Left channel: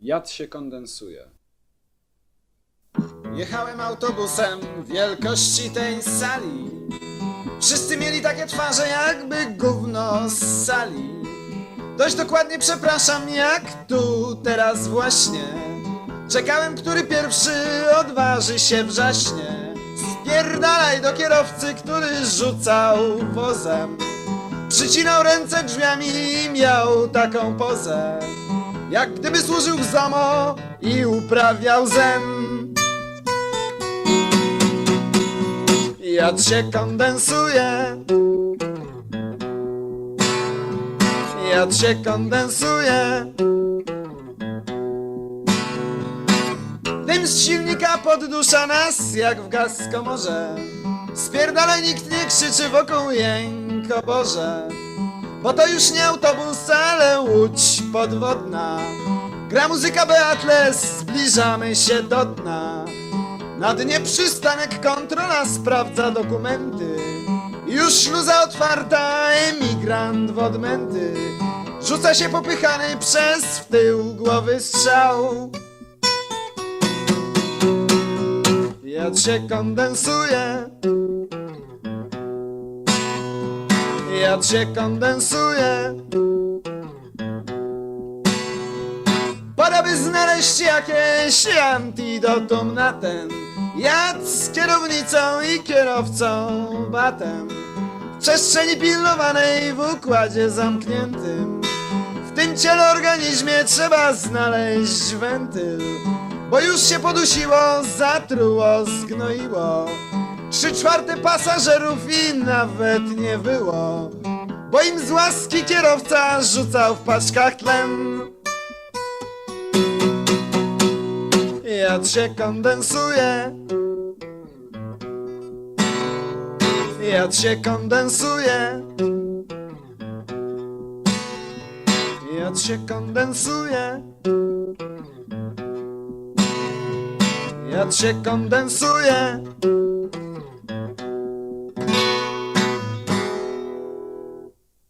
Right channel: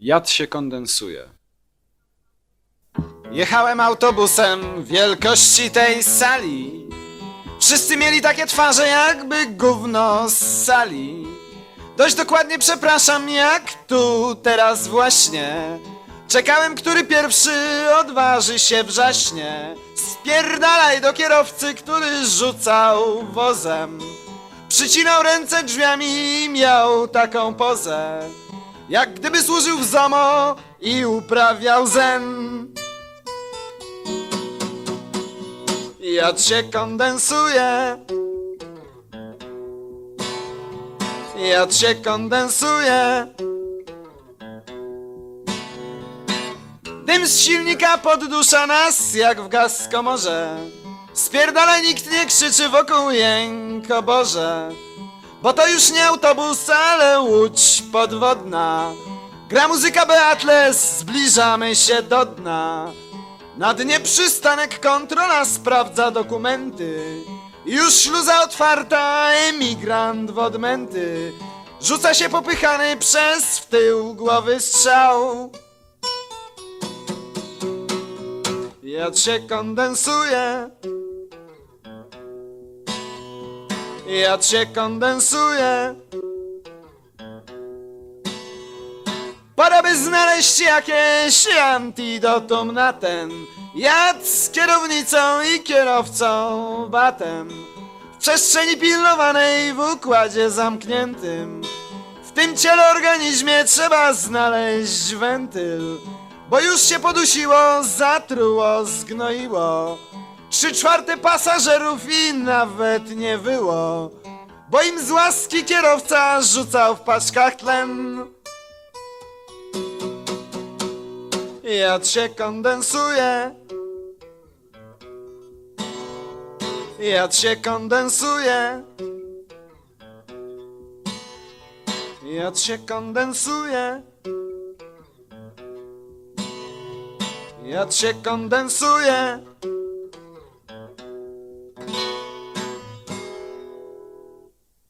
Jad się kondensuje. Jechałem autobusem wielkości tej sali. Wszyscy mieli takie twarze, jakby gówno z sali. Dość dokładnie przepraszam, jak tu teraz właśnie. Czekałem, który pierwszy odważy się wrzaśnie. Spierdalaj do kierowcy, który rzucał wozem. Przycinał ręce drzwiami i miał taką pozę. Jak gdyby służył w ZOMO i uprawiał zen. Jad się kondensuje. Jad się kondensuje. Dym z silnika poddusza nas jak w gaz komorze. Spierdala nikt nie krzyczy wokół jęk, o Boże. Bo to już nie autobus, ale łódź podwodna. Gra muzyka Beatles, zbliżamy się do dna. Na dnie przystanek kontrola sprawdza dokumenty. Już śluza otwarta, emigrant w odmęty. Rzuca się popychany przez w tył głowy strzał. Jad się kondensuje. Jad się kondensuje. Pora by znaleźć jakieś antidotum na ten Jad z kierownicą i kierowcą batem. W przestrzeni pilnowanej w układzie zamkniętym. W tym ciele organizmie trzeba znaleźć wentyl Bo już się podusiło, zatruło, zgnoiło Trzy czwarte pasażerów i nawet nie było Bo im z łaski kierowca rzucał w paczkach tlen Jad się kondensuje. Jad się kondensuje. Jad się kondensuje. Jad się kondensuje.